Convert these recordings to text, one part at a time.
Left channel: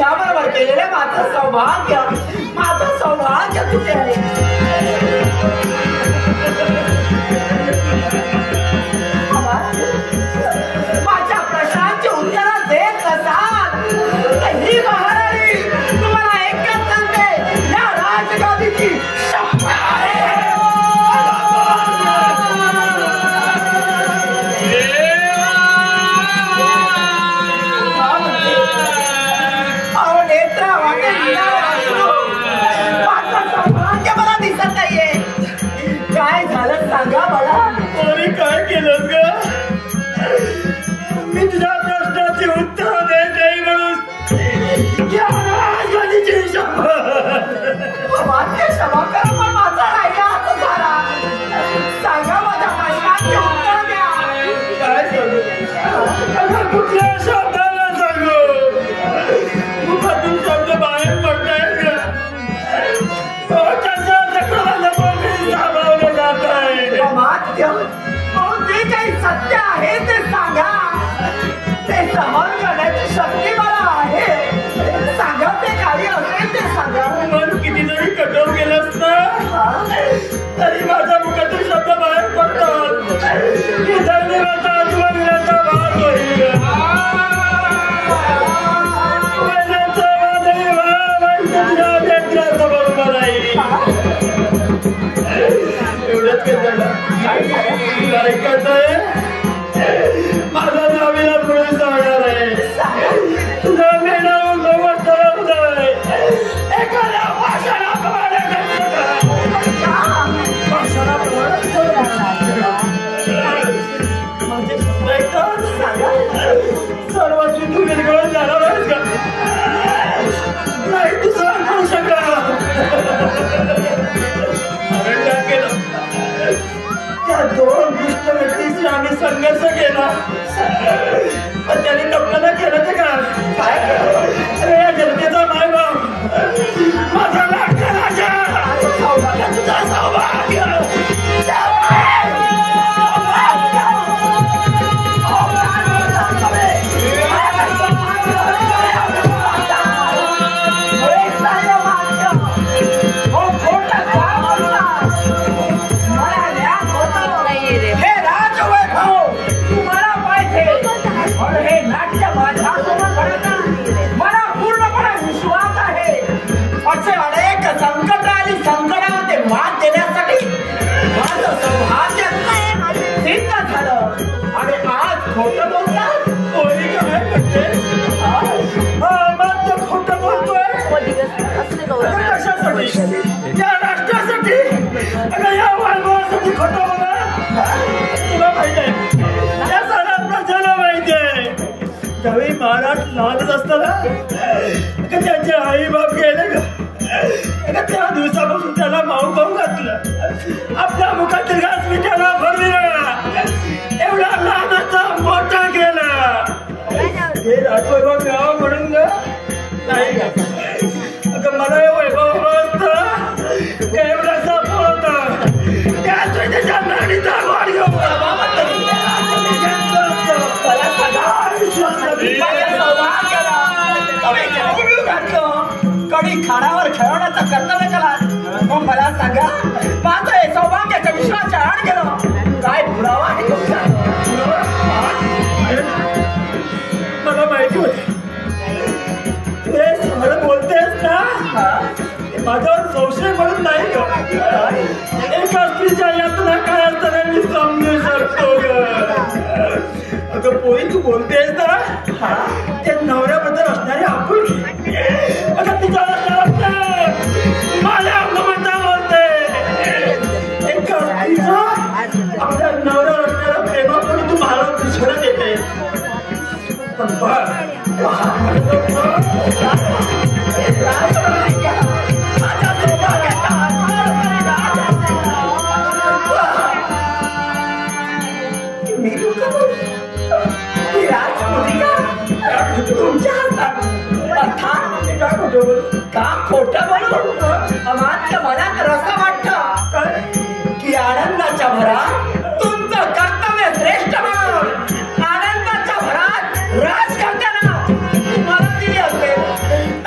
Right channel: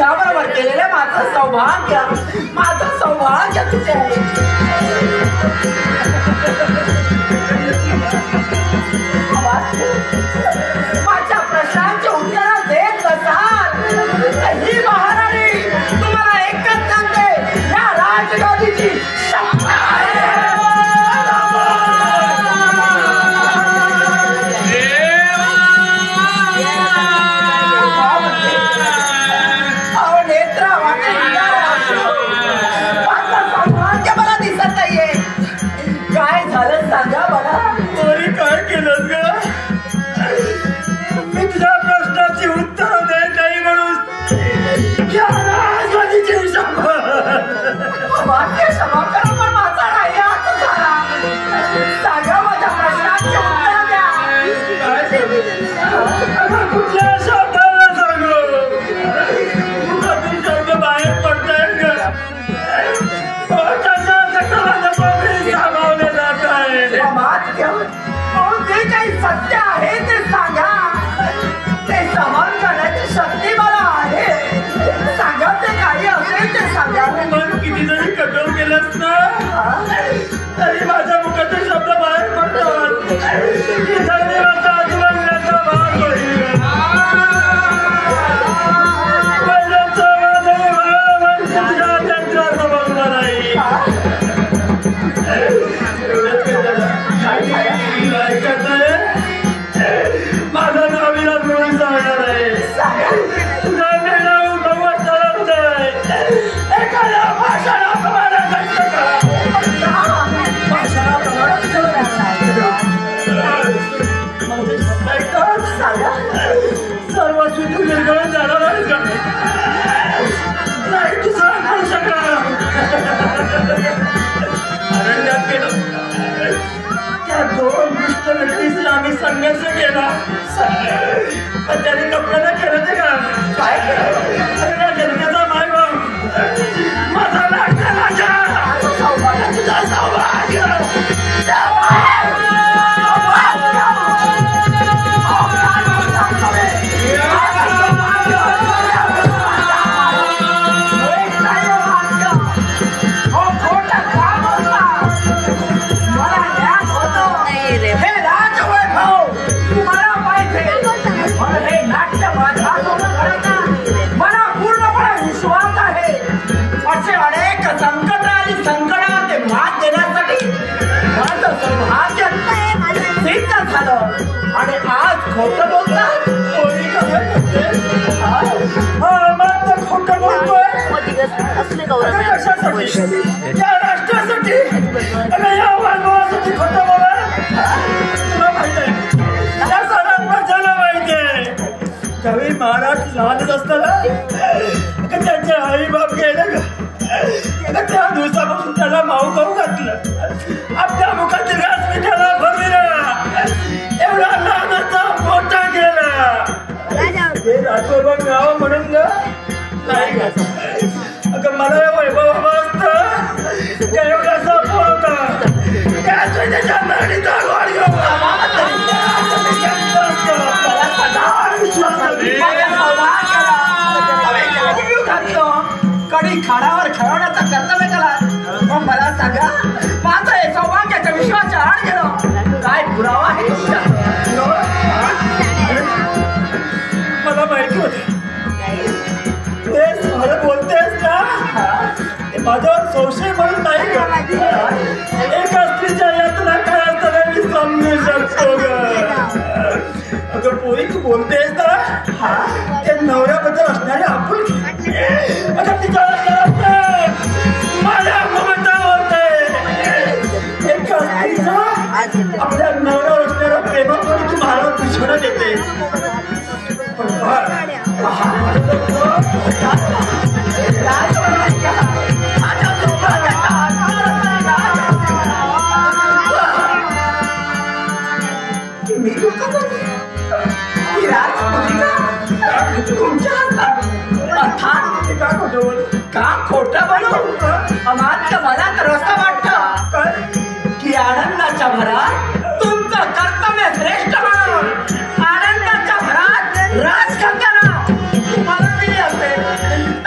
पुरुषाबरोबर केलेले माझं सौभाग्य तुझे आहे. माझ्या प्रश्नांची उत्तरं देत असाल ही महाराणी तुम्हाला एकच सांगते, या राजगादीची शपथ आहे. नेत्रा वाटे माझं सौभाग्य मला दिसत नाहीये. काय झालं सांगा मला. कोणी काय केलं ग? मी तुझ्या प्रश्नाची उत्तर देत नाही म्हणून क्षमा करा, पण माझा राहिला आता झाला. सांगा माझ्या प्रश्नाची उत्तर द्या. कुठल्या शब्दाला सांगू? मुखातून शब्द बाहेर पडतायत ग. सामावले जात आहे. जे काही सत्य आहे ते सांगा. ते सहन करण्याची शक्ती मला आहे. सांगा, ते काही असेल ते सांगा. मन किती जरी कठोर केलंस ना तरी माझ्या मुखातून शब्द बाहेर पडतात. धन्यवाद आजूबाजूचा भाग होईल. माझा नाव विराज म्हणून सांगणार आहे. तुझा नाव नव्वद ठरवलं आहे. एखाद्या भाषणाप्रमाणे माझे शब्द ऐकतात सांगा. सर्व तू निर्गळून जाणार आहेस का? नाही तू सहन करू शकला. अरण्यात केलं त्या दोन दुष्ट व्यक्तीशी आम्ही संघर्ष केला, पण त्याने कपड्याला केलं ते काय केलं? या जनतेचा मायबाप माझा लाडका राजा. तुझा सौभाग्य मला पूर्णपणे विश्वास आहे. असे अनेक संकट आणि संकटाला ते मात देण्यासाठी माझं सौभाग्य सिद्ध झालं. आणि आज खोटं बोलतात. कोणी काय म्हणते? माझं खोटं बोलतोय कशासाठी? या राष्ट्रासाठी, या वैभवासाठी खोटं बोला. तुला माहित आहे, या सारा प्रजाला माहिती आहे. ज्यावेळी महाराज लहानच असताना त्यांचे आई बाप गेले का त्या दिवसापासून त्याला माऊ खाऊ घातलं. आपल्या मुखातील घास मिठाला भरविला. एवढा लहानाचा मोठा केला. हे राजवैभव मिळावं म्हणून ग नाही ग. अगं मला या वैभव असतं एवढासा पोरता त्याच्या नाडीचा गोड घेऊन कडी खाण्यावर खेळवण्याचं कर्तव्य केला. मग मला सांगा, माझं हे सौभाग्याच्या विश्वाच्या आड गेलं. काय पुरावा आहे तुमचा? मला माहिती होत ते खरं बोलतेस ना. माझ्यावर संशय म्हणून नाही ग. एका स्त्रीच्या यातना काय असताना मी समजू शकतो ग. अगं पोरी, तू बोलतेस ना त्या नवऱ्याबद्दल असणारी आपुलकी. अगं तिच्या माझ्या ममता होते. एका स्त्रीचा आपल्या नवऱ्यावर असणारा प्रेमापोटी तू मला दुश्मन देते. पण का खोटं बोलू? अमात्य मला तर असं वाटतं की आनंदाच्या भरात तुमचं कर्तव्य श्रेष्ठ म्हणून आनंदाच्या भरात राजकन्याला तुम्हाला दिली असेल.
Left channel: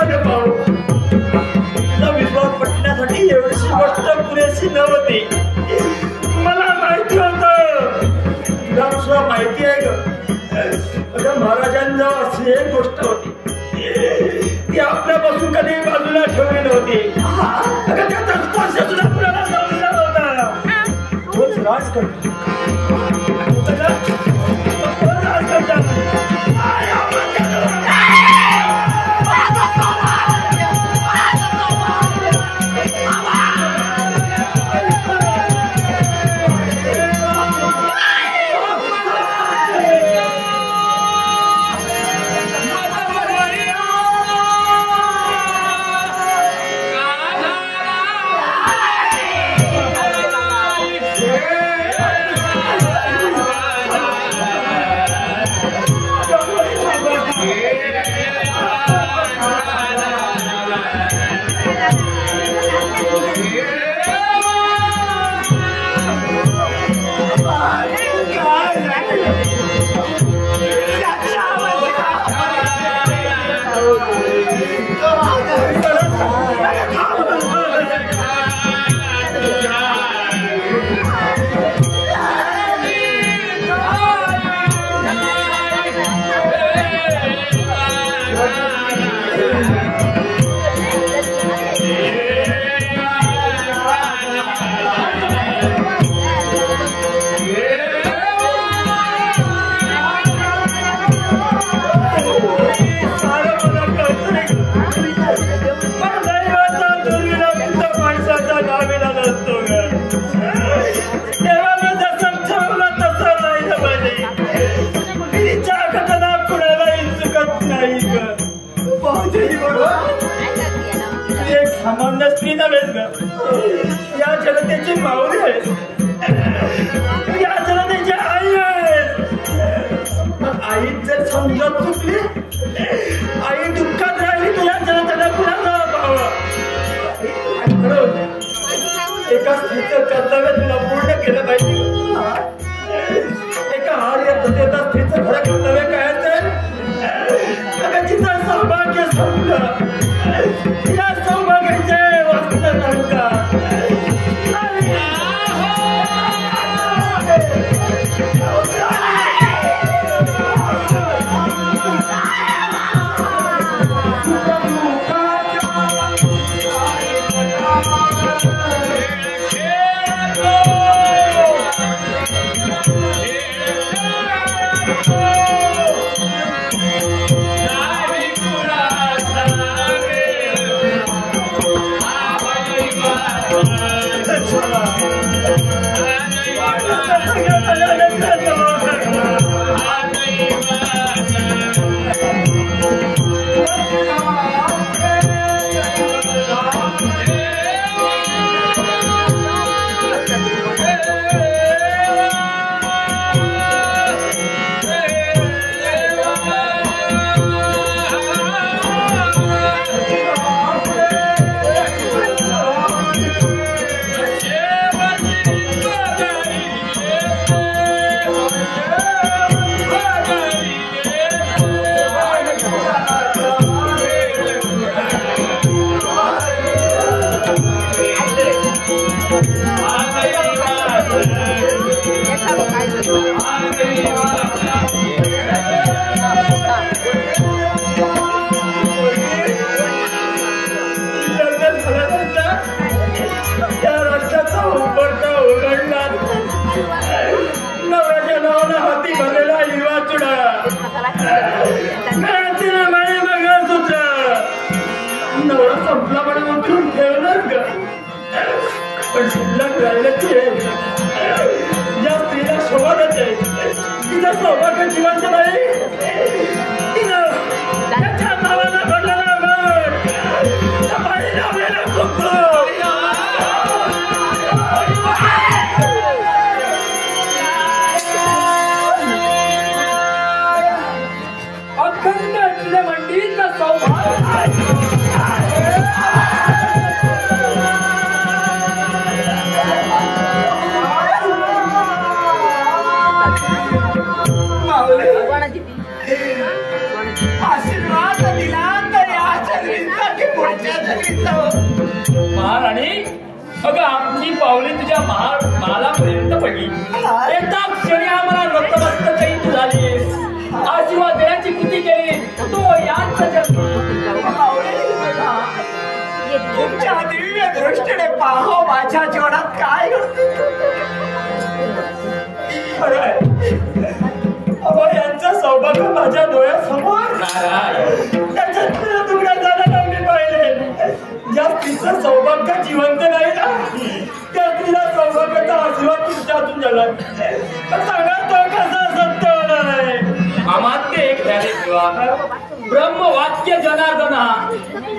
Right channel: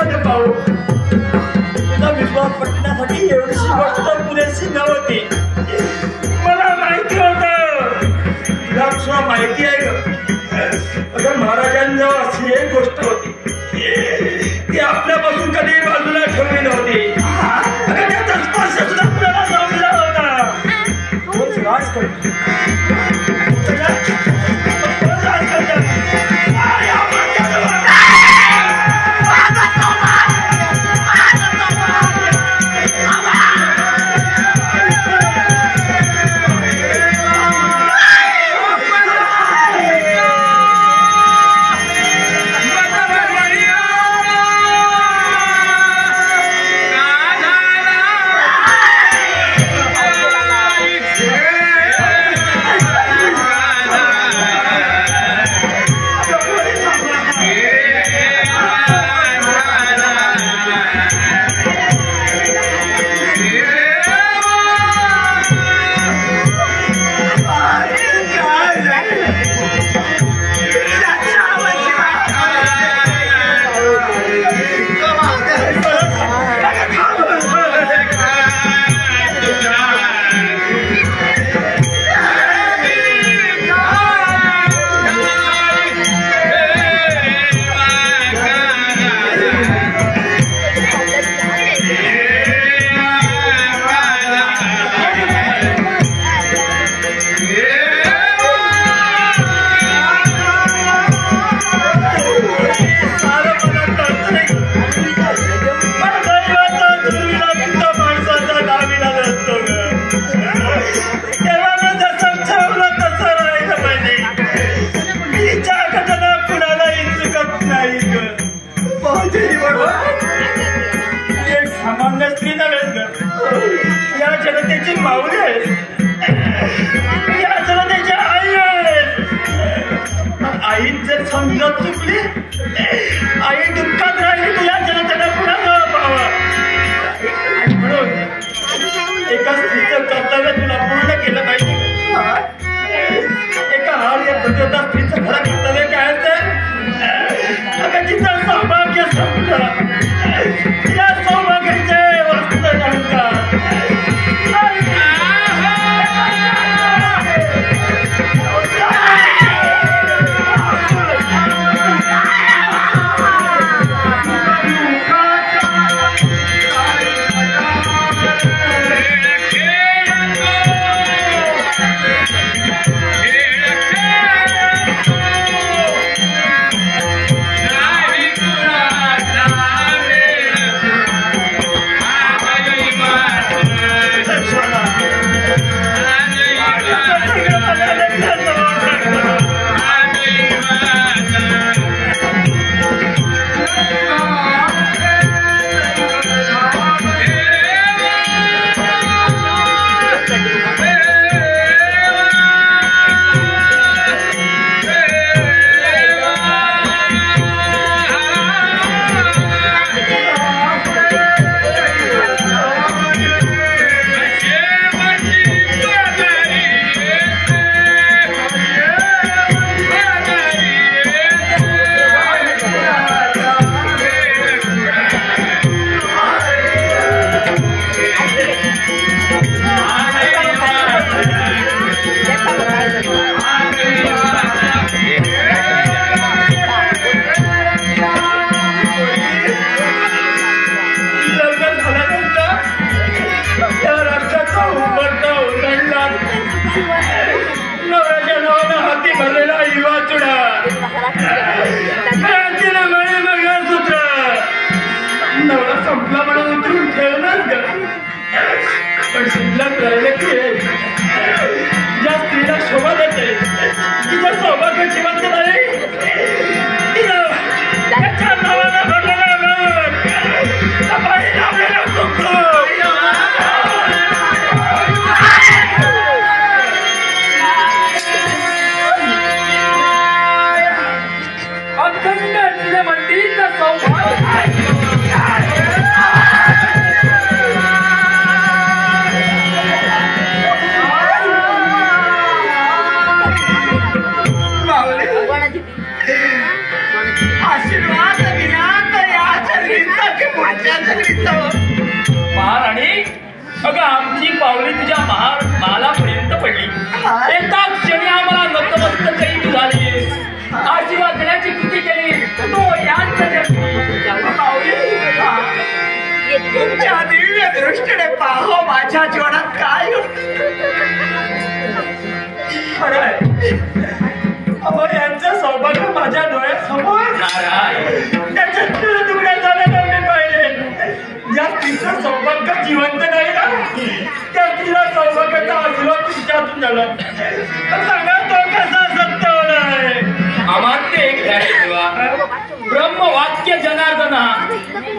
अगं भाऊ, तुझा विश्वास पटण्यासाठी एवढीशी गोष्ट पुरेशी नव्हती. मला माहिती होतं, तुला सुद्धा माहिती आहे ग. अगं महाराजांजवळ अशी एक गोष्ट होती ती आपल्यापासून कधी बाजूला ठेवली नव्हती. अगं त्याचा स्पर्श सुद्धा आपल्याला जमला होता. तोच राजकन्या. सामान्य स्त्री नव्हेच ग, या जनतेची माऊली आहे, या जनतेची आई आहे. आई जर समजत चुकली, आई दुःखात राहिली तर या जनतेला पुन्हा जावं पाहावं. म्हणून एका स्त्रीचं कर्तव्य तुला पूर्ण केलं पाहिजे. एका हार्य प्रतियोद्धा स्त्रीचं खरं कर्तव्य काय तर अगं तिचं सौभाग्य संपलं, या सौभाग्याचे वस्त्र ढंका नवऱ्याच्या नावानं हाती भरलेला हिरवा चुडा, तिला मळे मंगळसूत्र, नवरा संपला म्हणून उतरून ठेवणार ग. पण शिल्लक राहिलं की ज्या स्त्रीला शोभा देते, तिच्या सौभाग्य जिवंत नाही, त्याच्या नावानं भरलेला मठ, बाई लावलेला कुंकू, अखंड मंडळीचा सौभाग्य अगं आमची पावली तुझ्या महालापर्यंत पडली. एका क्षणी आम्हाला नतमस्तक झाली. आशीर्वाद देण्याची कृती केली तो यांचा तुमच्या दिव्य दृष्टीने पाहो माझ्या जीवनात काय यांचं सौभाग्य माझ्या डोळ्यासमोर त्याच्या तुकड्या झाल्या मी पाहिले. ज्या तिचं सौभाग्य जिवंत नाही ना त्या तिला सौभाग्याचा आशीर्वाद तुमच्यातून झाला. सांगा तो कसा सत्य होणार. आम्हाला एक ब्रह्मवाक्य जनार्दना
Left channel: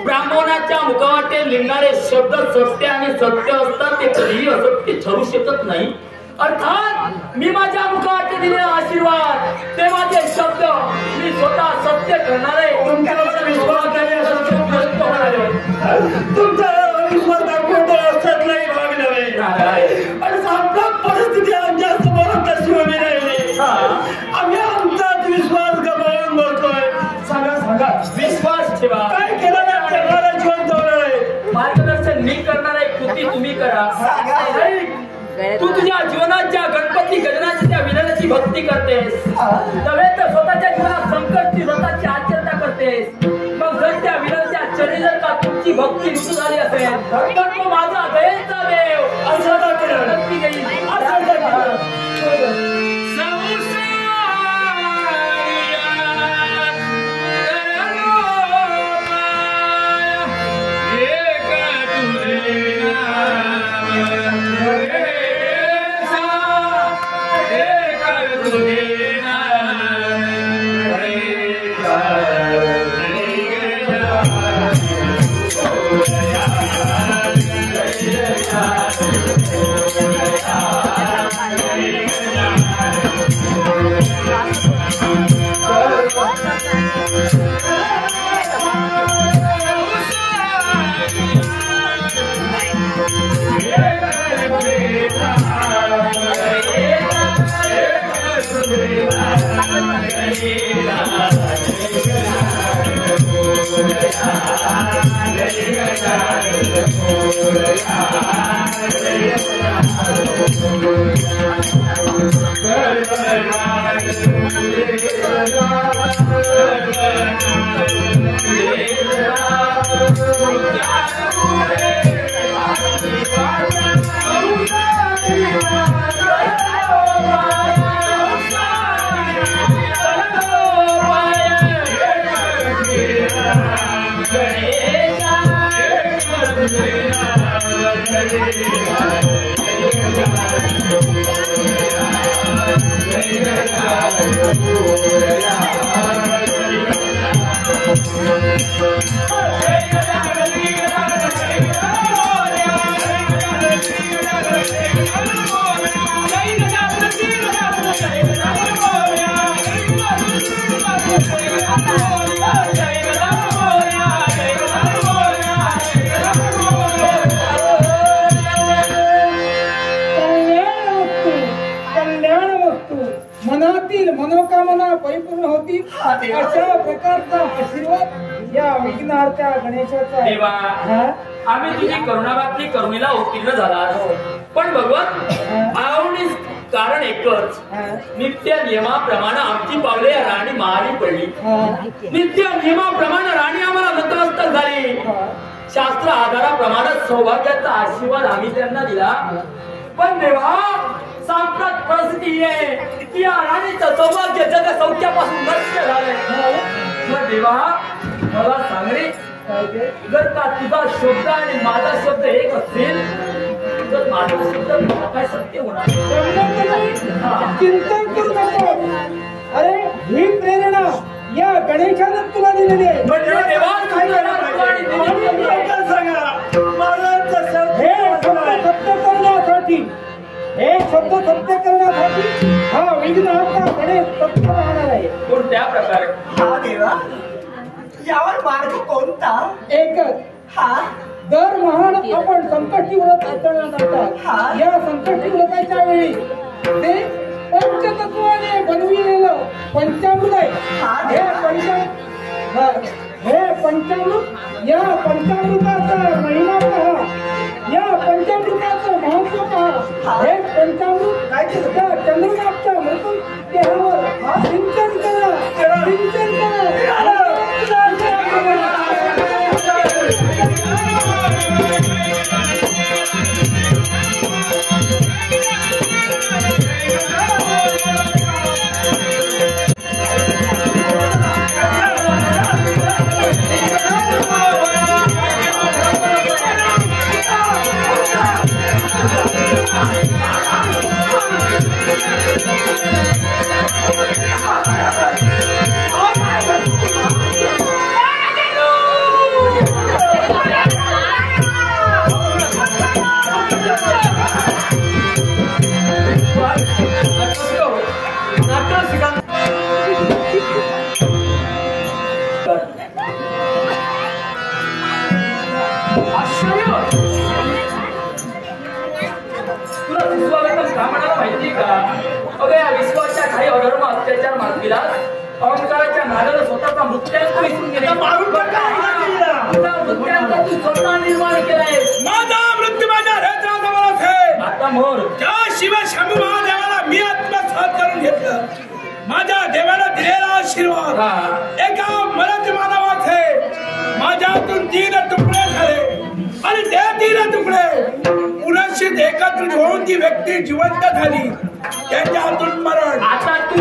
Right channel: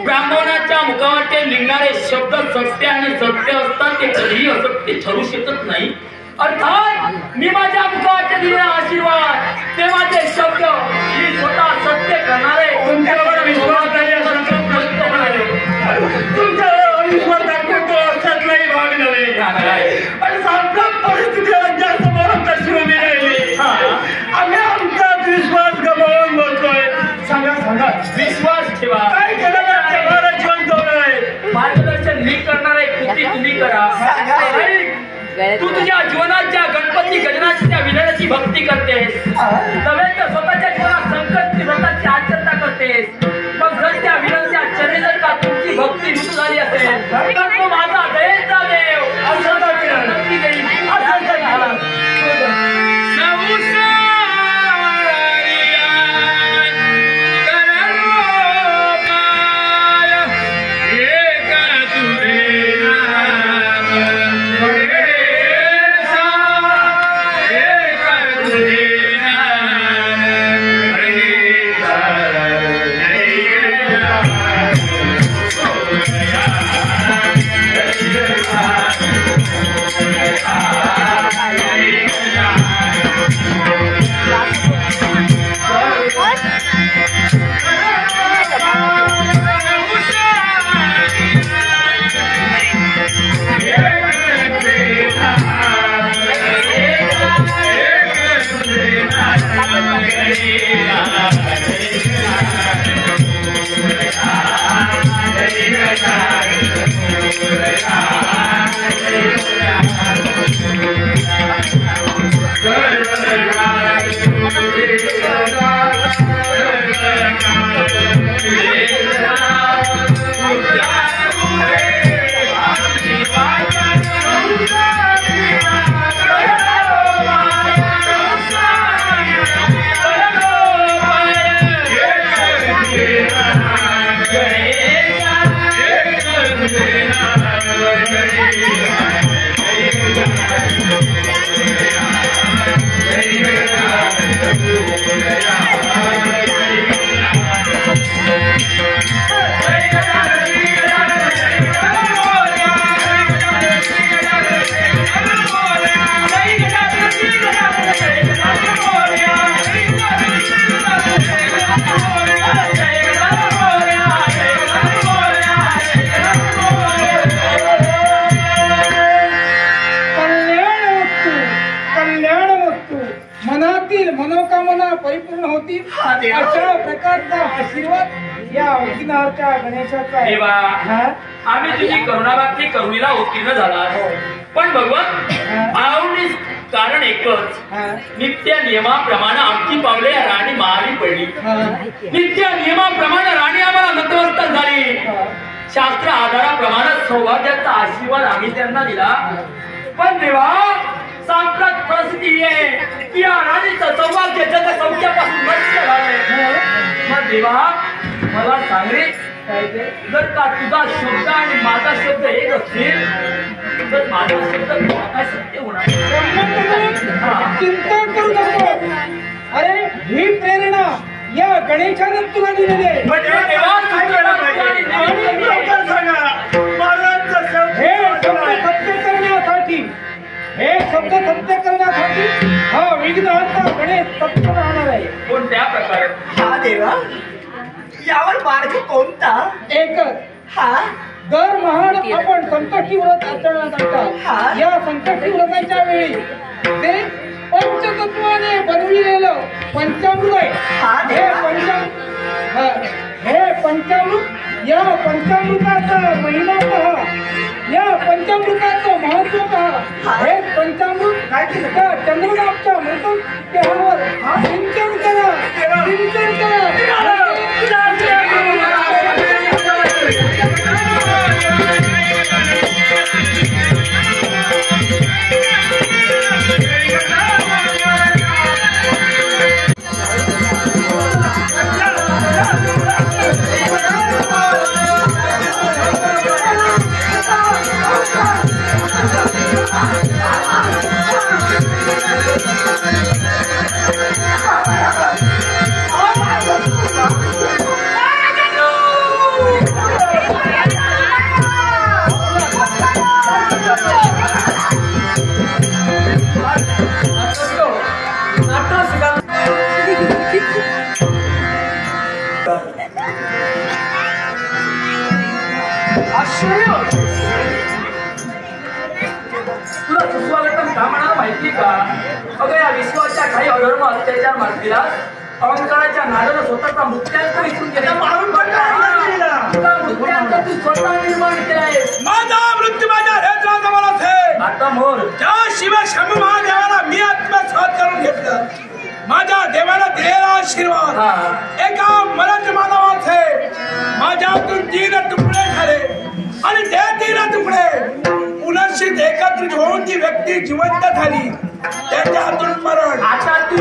ब्राह्मणाच्या मुखावर लिहिणारे शब्द सत्य आणि सत्य असतात ते कधीही असत्य ठरू शकत नाही. अर्थात मी माझ्या मुखावर दिलेला आशीर्वाद ते माझे शब्द मी स्वतः सत्य करणारे तुमच्यावर विश्वास होणारे तुमच्यावर विश्वास दाखवतो असत नाही भागणारे. आणि साम्राट परिस्थिती आमच्यासमोर कशी उभी राहिली. आम्ही आमचाच विश्वास गमावून बसलोय. सांगा विश्वास ठेवा. काय केलं जिवंत होणार. मार्गदर्शन मी करणार आहे कृती तुम्ही करा. तू तुझ्या जीवनाच्या गणपती गजनाची त्या विधानाची भक्ती करतेस नव्हे तर स्वतःच्या जीवनात संकटची व्रताची आचरणा करतेस. मग जर त्या विधानाच्या चरणी जर का तुमची भक्ती विष्णू झाली असेल तर तू माझा दयेचा देव असं नक्की घेईल. मनोकामना परिपूर्ण होती. अशा प्रकारचा आशीर्वाद या विघ्नहर्त्या गणेशाचा. देवा आम्ही तुझी करुणाभाती करुणीला उत्तीर्ण झाला. पण भगवान आवडीस कारण एकच नित्य नियमाप्रमाणे आमची पावले राणी मारी पडली. नित्य नियमाप्रमाणे राणी आम्हाला नतमस्तक झाली. शास्त्र आधाराप्रमाणे सौभाग्याचा आशीर्वाद आम्ही त्यांना दिला. पण देवा सांप्रत परिस्थिती आहे की या राणीचं सौभाग्य जग सौख्यापासून नष्ट झाले. मग देवा मला सांग रे जर का तुझा शब्द आणि माझा शब्द एक असतील तर माझा शब्द काय सत्य होणार. चिंता करू नको. अरे ही प्रेरणा या गणेशानं तुला दिलेली आहे. सत्य करण्यासाठी हे शब्द सत्य करण्यासाठी हा विघ्नहर्ता गणेश तत्पर राहणार आहे. कोणत्या प्रकारे. हा देवा यावर मार्ग कोणता. एकच. हा दर महान आपण संकष्टी व्रत आचरण्यात आणतात. या संकष्टी व्रताच्या वेळी ते पंचतत्वाने बनविलेलं पंचामृत आहे. हे पंचामृत या पंचामृताचा महिमा पहा. या पंचामृताचं महत्व पहा. हे पंचामृत त्या चंद्रनाथच्या मृत देहावर सिंचन करा. सिंचन करा. तुला सुस्वागतम का म्हणाला माहिती का? अगं या विश्वाच्या काही अधर्म अत्याचार मार्गीला अहंकाराच्या नादाला स्वतःचा मृत्यांक विसरून गेले. तुला मृत्यांक तू स्वतः निर्माण केलाय. माझा मृत्यू माझ्या हृदयाजवळच आहे. आता मोर त्या शिव शंभू महादेवाला मी आत्मसात करून घेतलं. माझ्या देवाला दिलेला आशीर्वाद एका मरद मानवाचे माझ्यातून 3 तुकडे झाले आणि ते 3 तुकडे पुनश्चित एकत्रित होऊन ती व्यक्ती जिवंत झाली. त्याच्यातून मरण. आता तू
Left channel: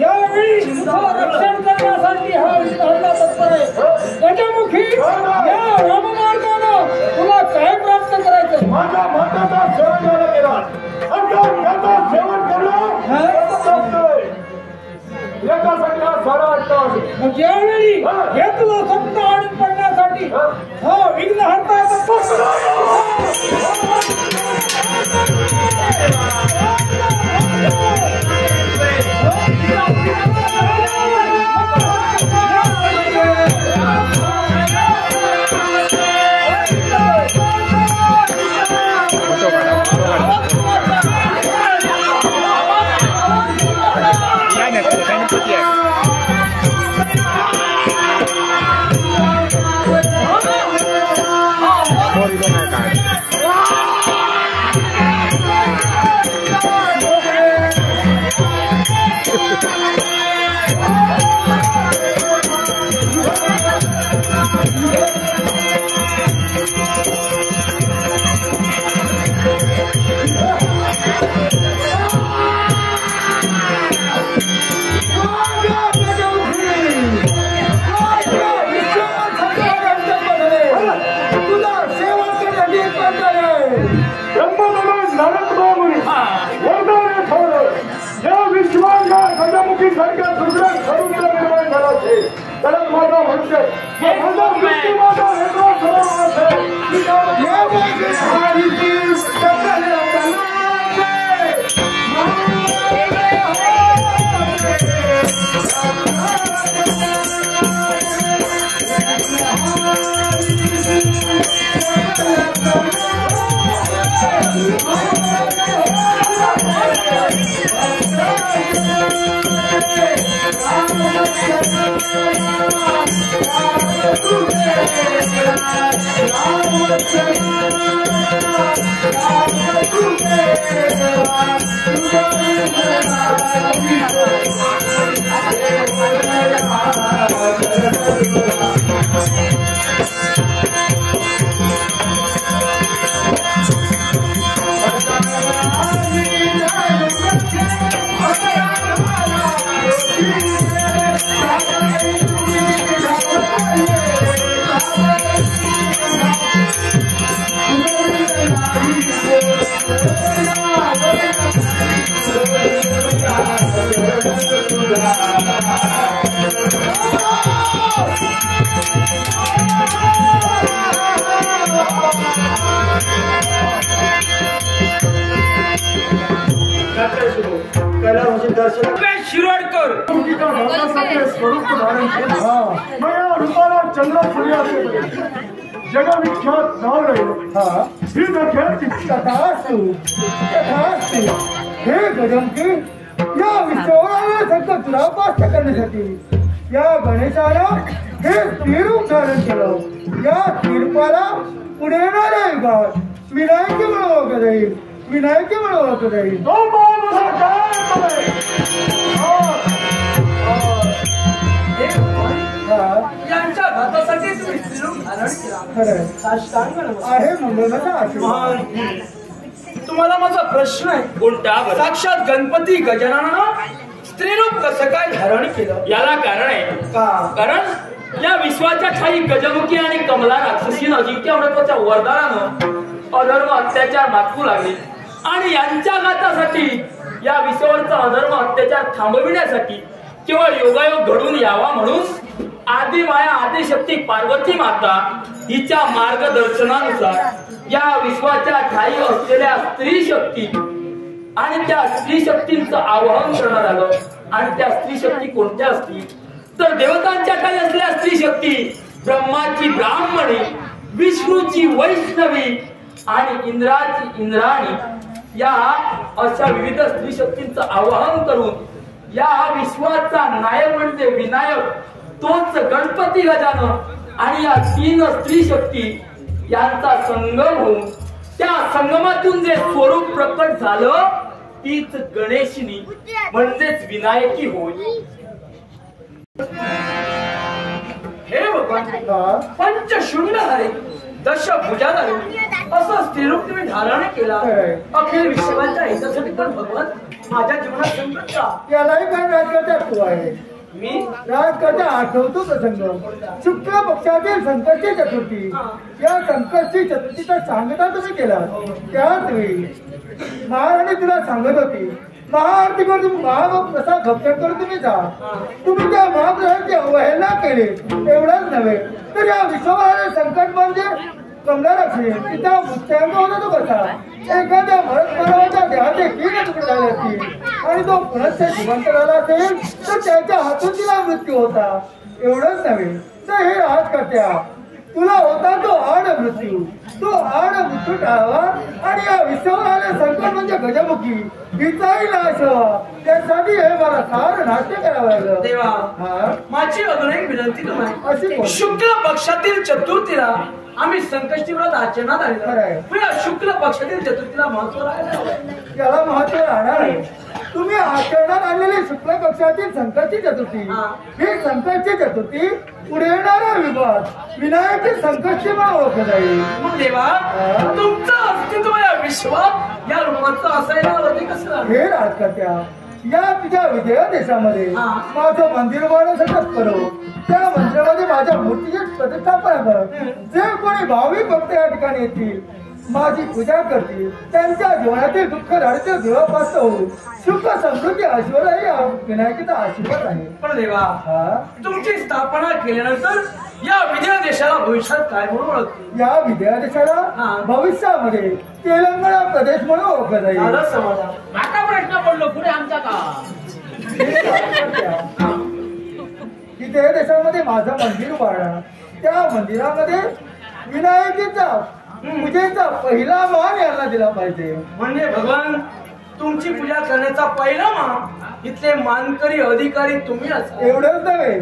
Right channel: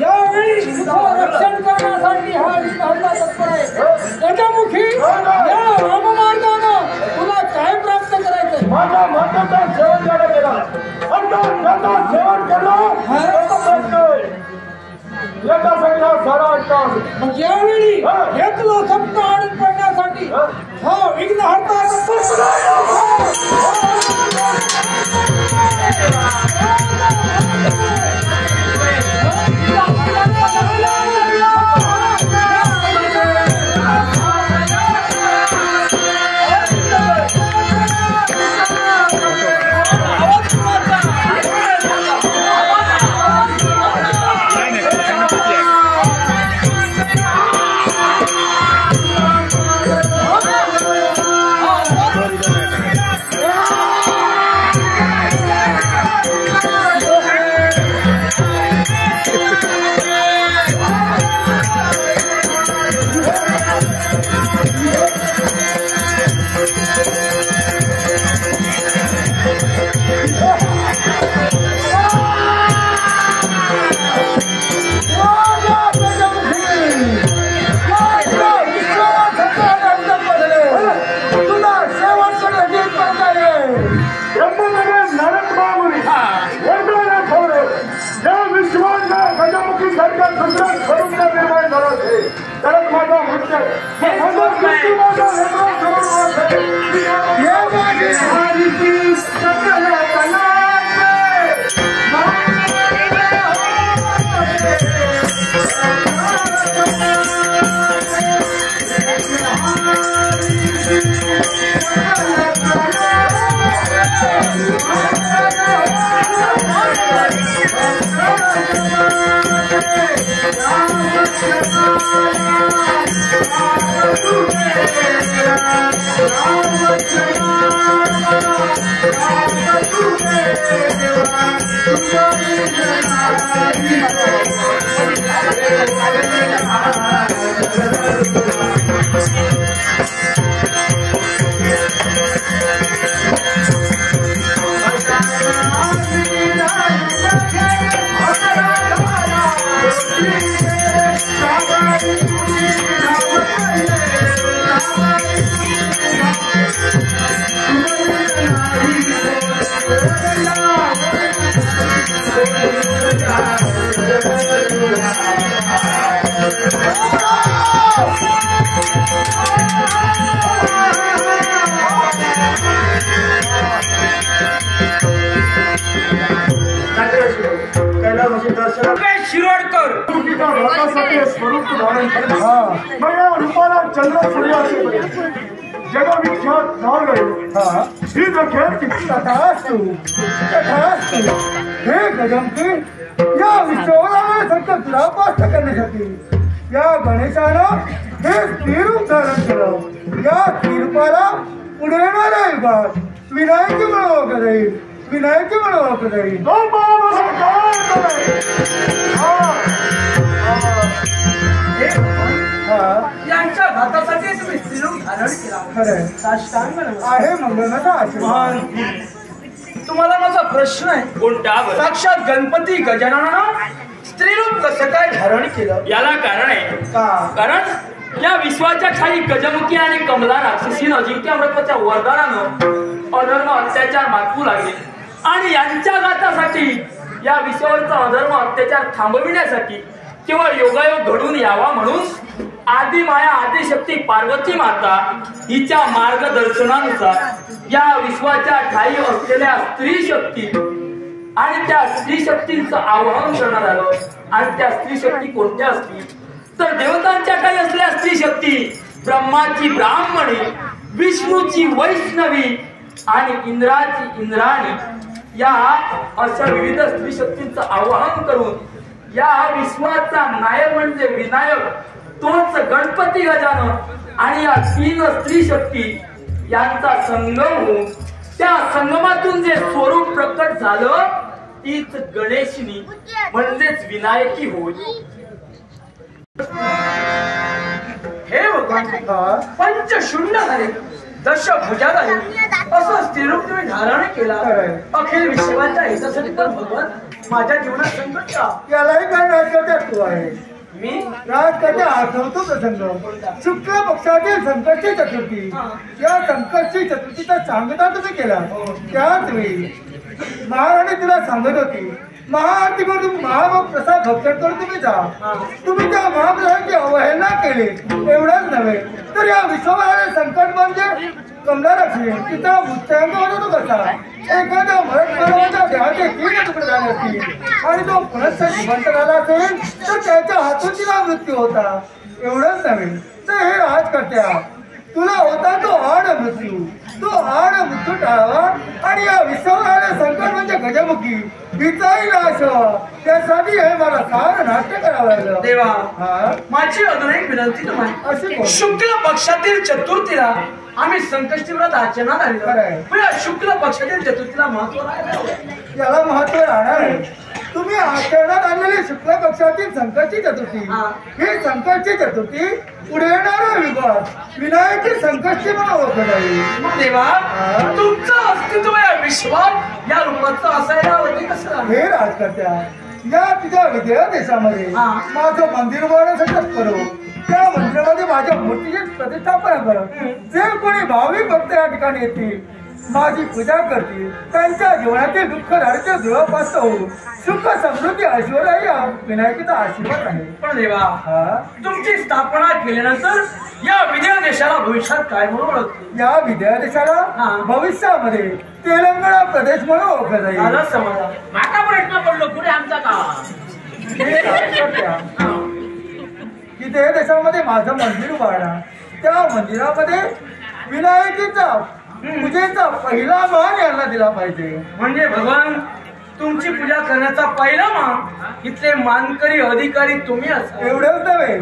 यावेळी रक्षण करण्यासाठी हा विधाता तत्पर आहे. गजमुखी या राममार्गानं तुला काय प्राप्त करायचं? माझ्या माताचा सेवन झाला गेला. सेवन याच्यासाठी हा सारा अट्टास. मग यावेळी हे तुला सप्त आणून पडण्यासाठी हा विघ्न हरता गजमुखी सारख्या दुसऱ्या स्वरूपचा निर्माण झाला असेल तरच माझा मृत्यू माझा Thank you. शिरोडकर स्वरूप धारण केले मग या रूपाला चंद्र सूर्य असेपर्यंत जगविख्यात नाव राहिलो ही दख्यात तथास्तु तथास्तु हे गजमकी या विश्वाला संकट तुला पास्त करण्यासाठी या गणेशानं हे स्थिरूप धारण केलं या स्थिरूपाला पुढे येणाऱ्या युगात विनायकी म्हणून ओळखलं जाईल विनायकी म्हणून ओळखलं जाईल यांच्या घातासाठी तुम्ही स्त्रीरूप धारण केला खरंय साष्टांग आहे मंगळाचा आशीर्वाद तुम्हाला माझा प्रश्न आहे कोणता बरं? साक्षात गणपती गजाननानं स्त्रीरूप कसं काय धारण केलं याला कारण आहे का कारण या विश्वाच्या ठाई गजमुखी आणि कमला राक्षसीनं अजिंक्यामृताच्या वरदानानं अधर्म अत्याचार मातकू लागले आणि यांच्या घातासाठी या विश्वावरचा अधर्म अत्याचार थांबविण्यासाठी केवळ योगायोग घडून यावा म्हणून आदिमाया आदिशक्ती पार्वती माता हिच्या मार्गदर्शनानुसार या विश्वाच्या ठाई असलेल्या स्त्री शक्ती आणि त्या स्त्री शक्तींचं आवाहन करण्यात आलं आणि त्या स्त्री शक्ती कोणत्या असतील तर देवतांच्या काही असलेल्या स्त्री शक्ती ब्रह्माची ब्राह्मणी विष्णूची वैष्णवी आणि इंद्राची इंद्राणी या अशा विविध स्त्री शक्तींचं आवाहन करून या विश्वाचा नायक म्हणजे विनायक तोच गणपती गजानन आणि या तीन स्त्री शक्ती यांचा संगम होऊन त्या संगमातून जे स्वरूप प्रकट झालं तीच गणेशनी म्हणजेच विनायकी होय हे भगवान पंचशून्य झाले दशभुजा झाले असं स्त्रीरूप तुम्ही धारण केला अखिल विश्वाच्या हितासाठी तर भगवान माझ्या जीवनात संकट का यालाही काय राजकर्त्यात तू आहे मी राजकर्त्या आठवतो प्रसंग शुक्ल पक्षातील संकटची चतुर्थी या संकटची चतुर्थीचा सांगता तुम्ही केला त्याच वेळी महाराणी तुला सांगत होती महाआरती करून महाप्रसाद भक्षण करून तुम्ही जा तुम्ही त्या महाप्रसादाची अवहेलना केली एवढंच नव्हे तर या विश्वभराचे संकट म्हणजे कमला राखली तिचा मृत्यांग होता तो कसा एखाद्या भरत मानवाच्या देहाचे तीन तुकडे झाले असतील आणि तो पुनश्च जिवंत झाला असेल तर त्याच्या हातून तिला मृत्यू होता एवढंच नव्हे तर हे राजकर्त्या तुला होता तो आड मृत्यू तो आड मृत्यू टाळावा आणि या विश्वभराचे संकट म्हणजे गजमुखी हिचाही नाश व्हावा त्यासाठी हे मला सार नाट्य करावं लागलं देवा माझी अजून एक विनंती तुम्हाला अशी शुक्ल पक्षातील चतुर्थीला आम्ही संकष्टी व्रत आचरणात आलेलो या शुक्ल पक्षातील चतुर्थीला महत्व याला महत्व राहणार आहे तुम्ही आचरणात आणलेली शुक्ल पक्षातील संकटची चतुर्थी ही संकटची चतुर्थी पुढे येणाऱ्या युगात विनायकी संकटची मला ओळखत जाईल मग देवा तुमचं अस्तित्व या विश्वात या रूपाचं असायला वरती कसं हे राजकर्त्या या तुझ्या विजया देशामध्ये माझं मंदिर उभारण्यासाठी करो त्या मंदिरामध्ये माझ्या मूर्तीची प्रतिष्ठापना कर जे कोणी भाविक भक्त या ठिकाणी येतील माझी पूजा करतील त्यांच्या जीवनातील दुःख दारिद्र्य धुळापास्त होऊन सुख समृद्धी ऐश्वर्य या विनायकीचा आशीर्वाद आहे पण देवा तुमची स्थापना केल्यानंतर या विजय देशाला भविष्यात काय म्हणून ओळखतील या विजया देशाला भविष्यामध्ये तेलंगणा प्रदेश म्हणून ओळखलं जाईल माका प्रश्न पडलो पुढे आमचा का की ते देशामध्ये माझं मंदिर उभारणार त्या मंदिरामध्ये विनायकीचा पूजेचा पहिला मान यांना दिला पाहिजे म्हणजे भगवान तुमची पूजा करण्याचा पहिला मान इथले मानकरी अधिकारी तुम्ही असाल एवढंच नव्हे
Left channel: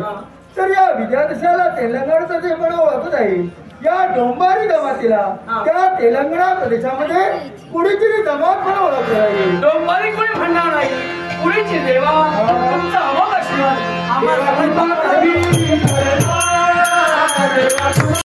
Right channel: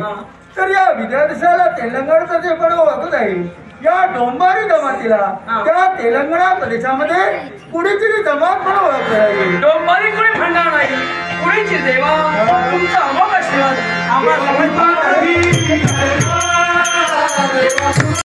तर या विद्यादेशाला तेलंगणाचं जे पण ओळखत आहे या डोंबारी जमातीला त्या तेलंगणा प्रदेशामध्ये कुणीतरी जमात मला ओळखलं डोंबारी कोणी म्हणणार नाही पुढेची देवा तुमचा अमोघ आशीर्वाद आम्हाला